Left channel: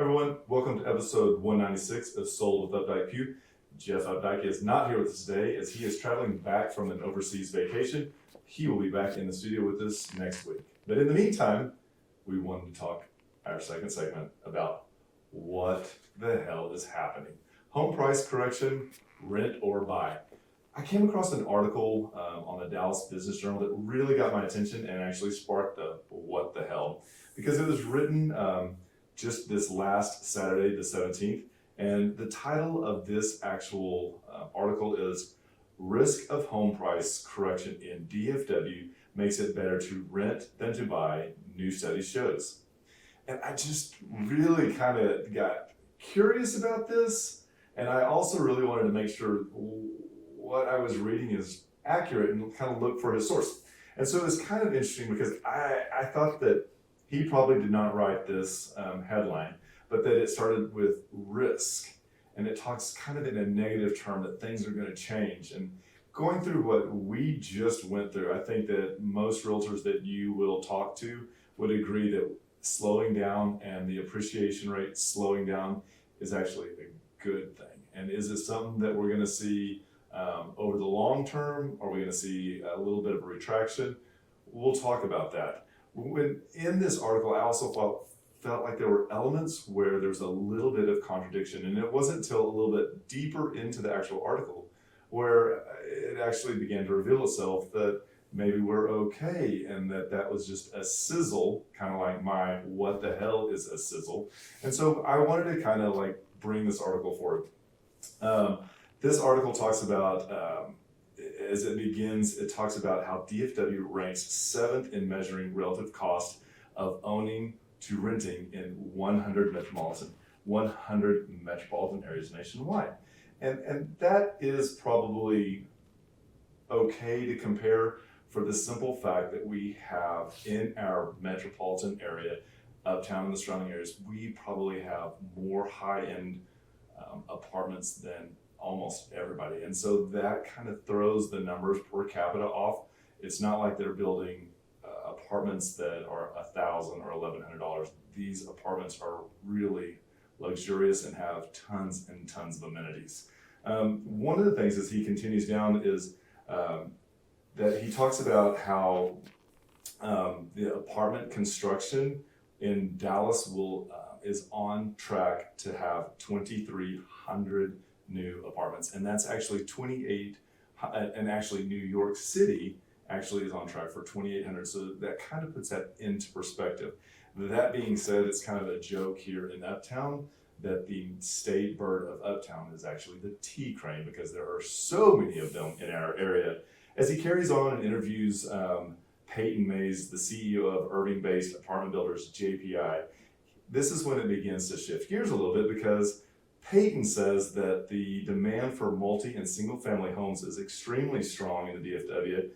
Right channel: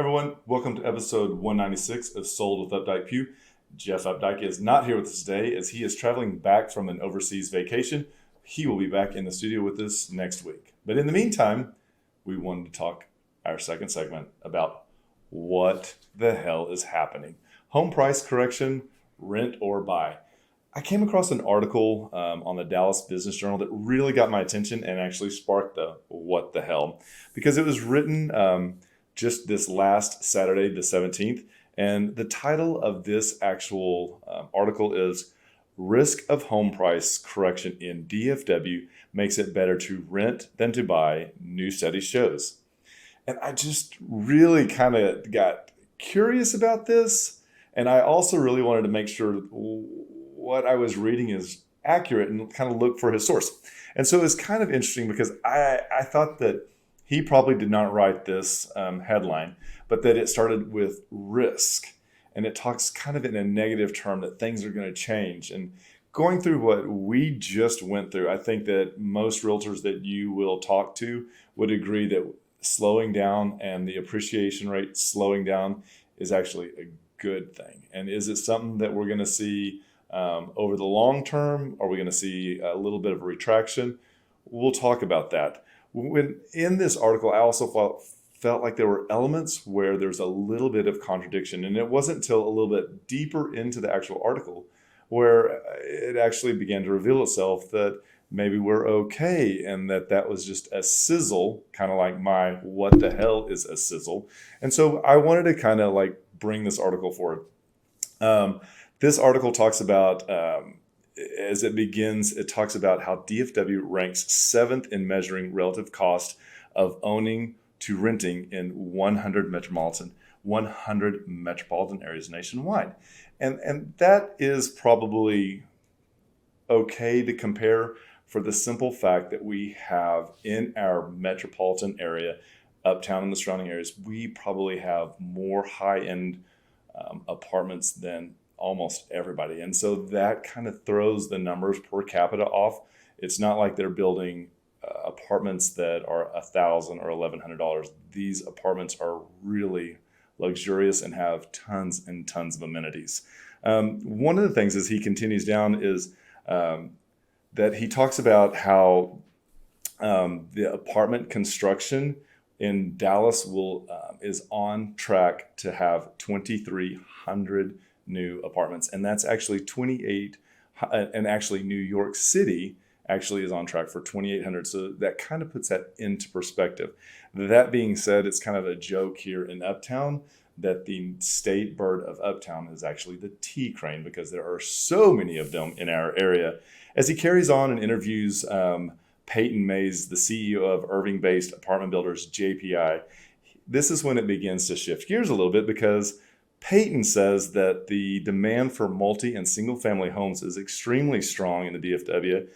Everyone, welcome to episode 196 of Sold with Updike Pugh. Jeff Updike is not here with us today as he is traveling back from an overseas vacation. He will be back in the studio with us next week. But in the meantime, we wanted to talk our second segment about what the hell is happening. Home price correction, rent or buy. I came across an article on the Dallas Business Journal that really got my attention and actually sparked the what the hell, because it was written just this last Saturday, the 17th. And the title of this actual article is Risk of Home Price Correction in DFW Makes It Better to Rent Than to Buy, New Study Shows. And I just really kind of got curious about this. And I also really wanted to make sure what I was reading is accurate and kind of look for his source. And so it's kind of interesting because I thought that he probably did not write this headline, but that it started with risk. And it talks kind of in a negative term that things are going to change. And going through what we just went through, I think that most realtors that you will talk to would agree that slowing down and the appreciation rate slowing down is actually a good thing. And is it something that we're going to see over the long term? Are we going to see a little bit of a retraction? We'll talk about that. When in this article, I also felt like there were elements where there's a little bit of contradiction, and it wasn't until a little bit deeper into the actual article where it actually began to reveal itself that maybe we're okay, and that was just a sizzle, kind of like my what the hell is a sizzle. And so I wanted to kind of like bring this article forward. This article talks about, as it begins, it talks about how DFW ranks 7th in measuring relative cost of owning to renting in 100 metropolitan areas nationwide. And that is probably okay to compare for the simple fact that we have in our metropolitan area, uptown and the surrounding areas, we probably have more high-end apartments than almost everybody. And so that kind of throws the numbers per capita off. It's not like they're building apartments that are $1,000 or $1,100. These apartments are really luxurious and have tons and tons of amenities. One of the things as he continues down is that he talks about how the apartment construction in Dallas is on track to have 2,300 new apartments, and that's actually 28. And actually, New York City actually is on track for 2,800. So that kind of puts that into perspective. That being said, it's kind of a joke here in Uptown that the state bird of Uptown is actually the T crane, because there are so many of them in our area. As he carries on and interviews Peyton Mays, the CEO of Irving-based apartment builders JPI, this is when it begins to shift gears a little bit, because Peyton says that the demand for multi and single family homes is extremely strong in the DFW,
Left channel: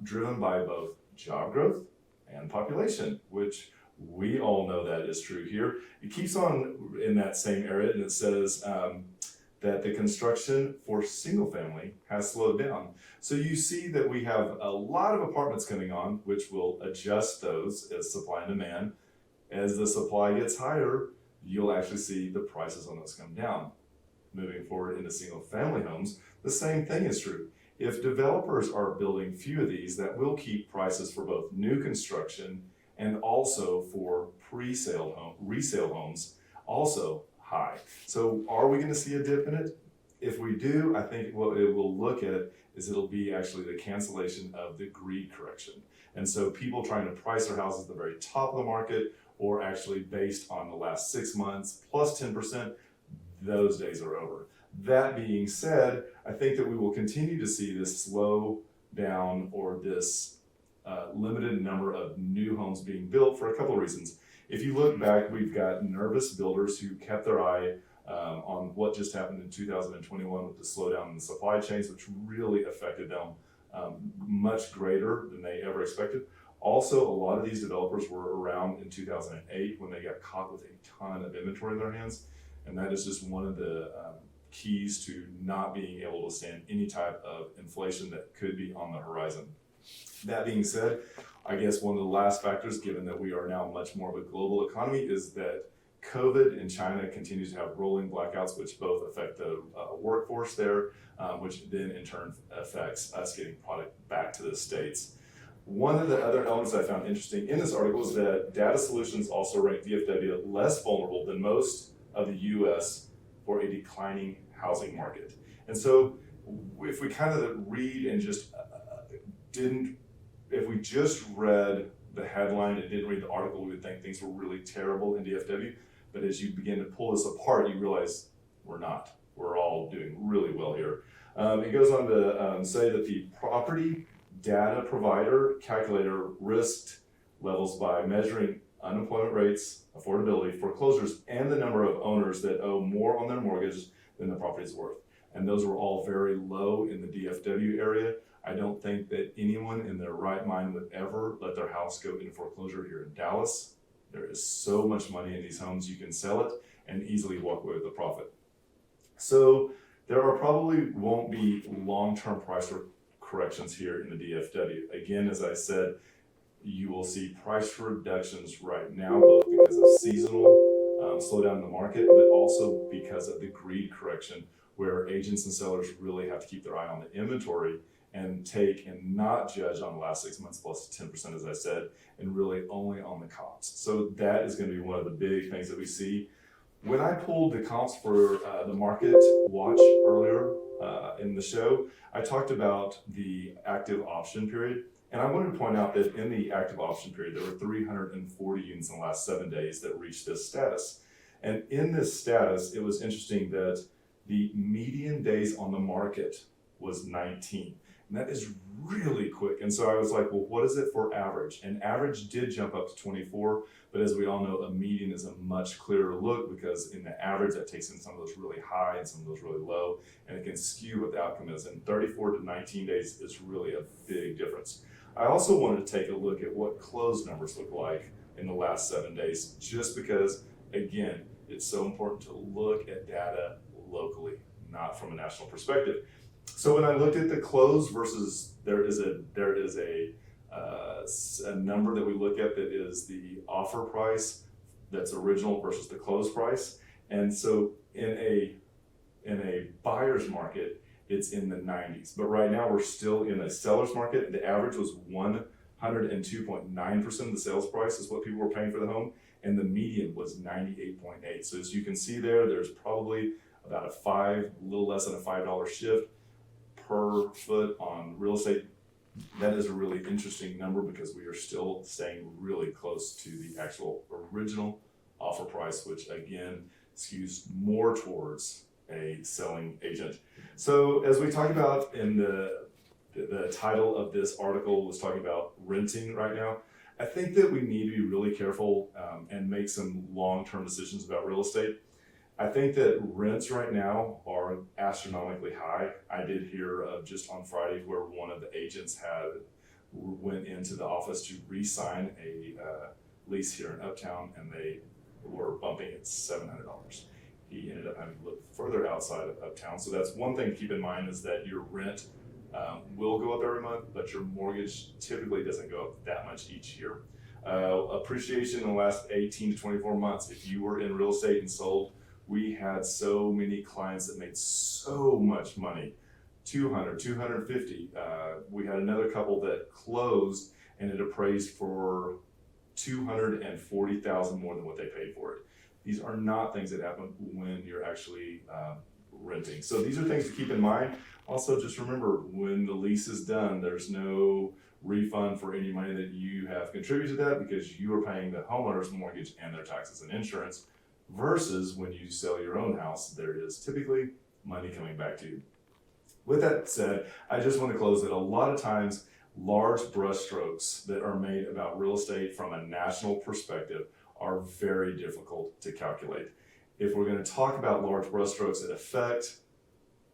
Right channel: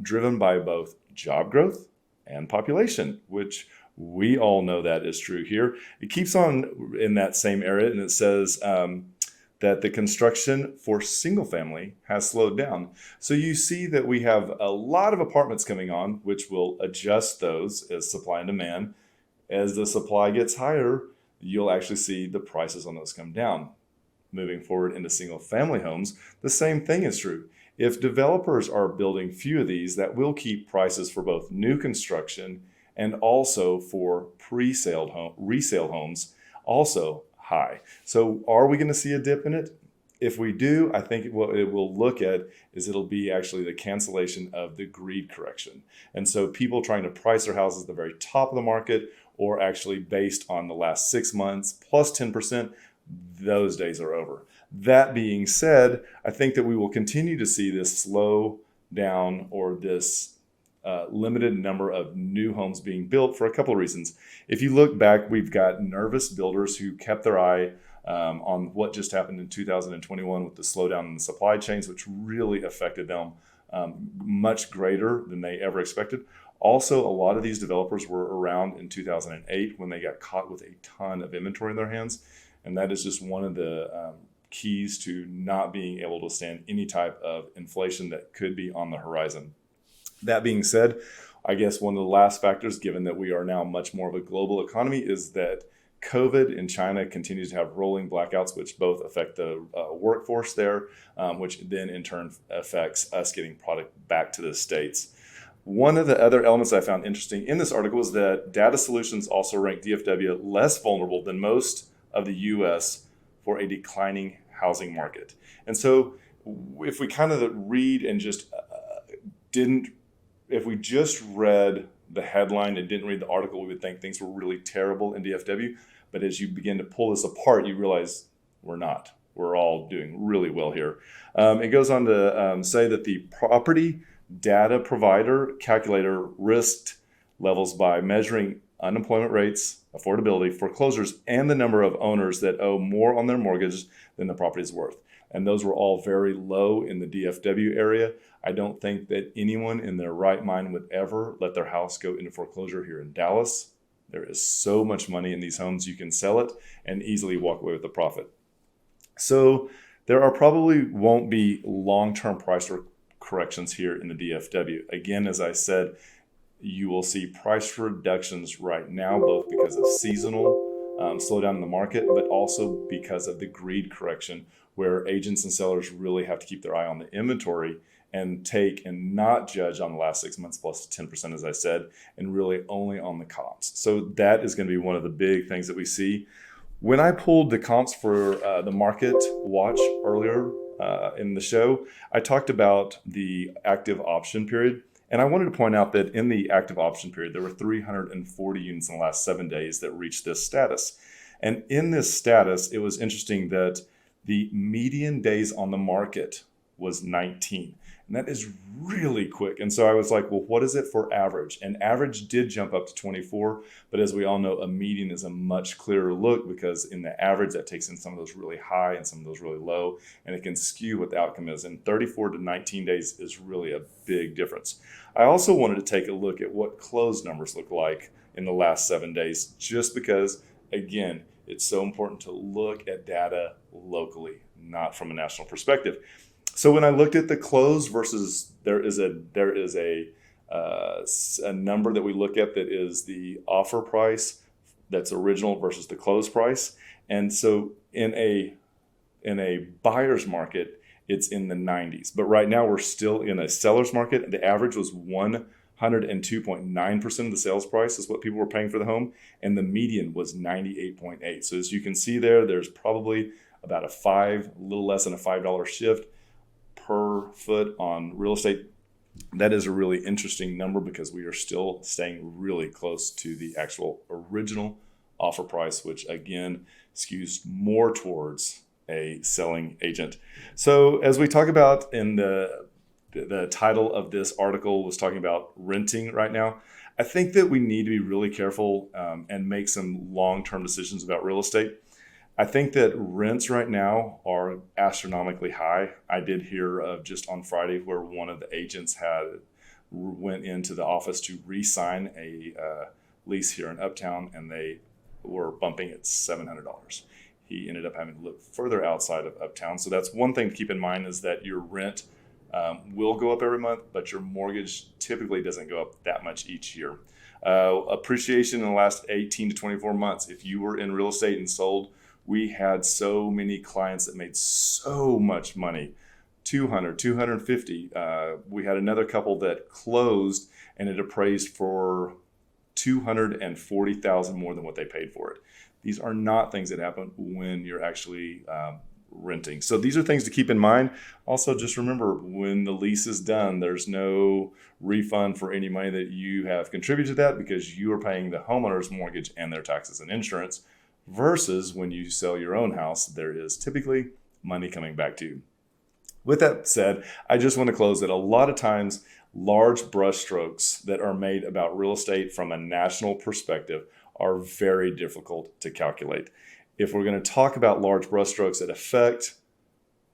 driven by both job growth and population, which we all know that is true here. It keeps on in that same area, and it says that the construction for single family has slowed down. So you see that we have a lot of apartments coming on, which will adjust those as supply and demand. As the supply gets higher, you'll actually see the prices on those come down. Moving forward into single family homes, the same thing is true. If developers are building few of these, that will keep prices for both new construction and also for resale homes also high. So are we going to see a dip in it? If we do, I think what it will look at is it'll be actually the cancellation of the greed correction. And so people trying to price their houses at the very top of the market, or actually based on the last 6 months plus 10%, those days are over. That being said, I think that we will continue to see this slow down, or this limited number of new homes being built, for a couple of reasons. If you look back, we've got nervous builders who kept their eye on what just happened in 2021 with the slowdown in the supply chains, which really affected them much greater than they ever expected. Also, a lot of these developers were around in 2008 when they got caught with a ton of inventory in their hands. And that is just one of the keys to not being able to stand any type of inflation that could be on the horizon. That being said, I guess one of the last factors, given that we are now much more of a global economy, is that COVID in China continues to have rolling blackouts, which both affect the workforce there, which then in turn affects us getting product back to the States. One of the other elements I found interesting in this article is that Data Solutions also ranked DFW less vulnerable than most of the US for a declining housing market. And so if we kind of read and just if we just read the headline and didn't read the article, we would think things were really terrible in DFW. But as you begin to pull this apart, you realize we're not. We're all doing really well here. It goes on to say that the property data provider calculator risked levels by measuring unemployment rates, affordability, foreclosures, and the number of owners that owe more on their mortgage than the property is worth. And those were all very low in the DFW area. I don't think that anyone in their right mind would ever let their house go into foreclosure here in Dallas. There is so much money in these homes, you can sell it and easily walk away with a profit. So there are probably won't be long-term price corrections here in the DFW. Again, as I said, you will see price reductions right now, both because of seasonal slowdown in the market, but also because of the greed correction, where agents and sellers really have to keep their eye on the inventory and take and not judge on the last 6 months plus 10%, as I said, and really only on the comps. So that is going to be one of the big things that we see. When I pulled the comps for the market watch earlier in the show, I talked about the active option period. And I wanted to point out that in the active option period, there were 340 units in the last 7 days that reached this status. And in this status, it was interesting that the median days on the market was 19. And that is really quick. And so I was like, well, what is it for average? And average did jump up to 24. But as we all know, a median is a much clearer look, because in the average, that takes in some of those really high and some of those really low, and it can skew what the outcome is. And 34 to 19 days is really a big difference. I also wanted to take a look at what closed numbers look like in the last 7 days, just because, again, it's so important to look at data locally, not from a national perspective. So when I looked at the close versus, there is a number that we look at that is the offer price that's original versus the close price. And so in a buyer's market, it's in the 90s. But right now we're still in a seller's market. The average was 102.9% of the sales price is what people were paying for the home, and the median was 98.8. So as you can see there's probably about a little less than a $5 shift per foot on real estate. That is a really interesting number, because we are still staying really close to the actual original offer price, which again skews more towards a selling agent. So as we talk about in the title of this article was talking about renting right now, I think that we need to be really careful and make some long-term decisions about real estate. I think that rents right now are astronomically high. I did hear of just on Friday where one of the agents went into the office to re-sign a lease here in Uptown, and they were bumping it $700. He ended up having to look further outside of Uptown. So that's one thing to keep in mind, is that your rent will go up every month, but your mortgage typically doesn't go up that much each year. Appreciation in the last 18 to 24 months. If you were in real estate and sold, we had so many clients that made so much money, 200, 250. We had another couple that closed and it appraised for $240,000 more than what they paid for it. These are not things that happen when you're actually renting. So these are things to keep in mind. Also, just remember, when the lease is done, there's no refund for any money that you have contributed to that, because you are paying the homeowner's mortgage and their taxes and insurance, versus when you sell your own house, there is typically money coming back to you. With that said, I just want to close that a lot of times large brushstrokes that are made about real estate from a national perspective are very difficult to calculate. If we're going to talk about large brushstrokes that affect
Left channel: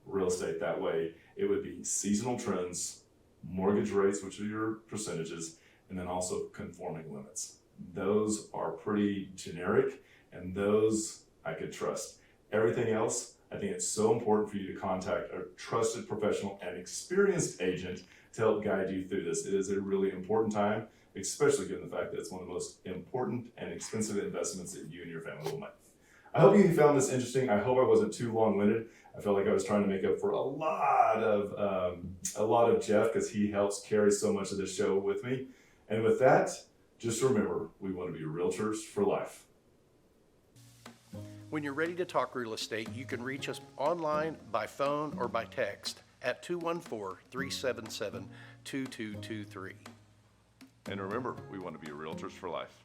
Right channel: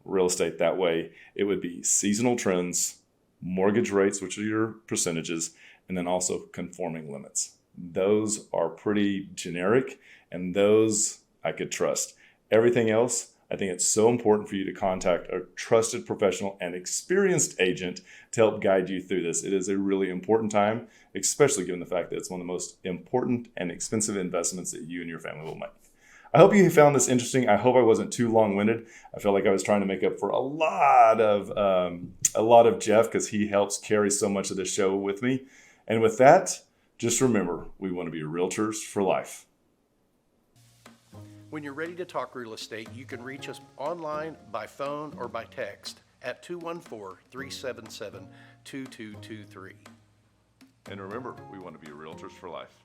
real estate that way, it would be seasonal trends, mortgage rates, which are your percentages, and then also conforming limits. Those are pretty generic, and those I could trust. Everything else, I think it's so important for you to contact a trusted professional and experienced agent to help guide you through this. It is a really important time, especially given the fact that it's one of the most important and expensive investments that you and your family will make. I hope you found this interesting. I hope I wasn't too long-winded. I feel like I was trying to make up for a lot of Jeff, because he helps carry so much of the show with me. And with that, just remember, we want to be realtors for life. When you're ready to talk real estate, you can reach us online, by phone, or by text at 214-377-2223. And remember, we want to be realtors for life.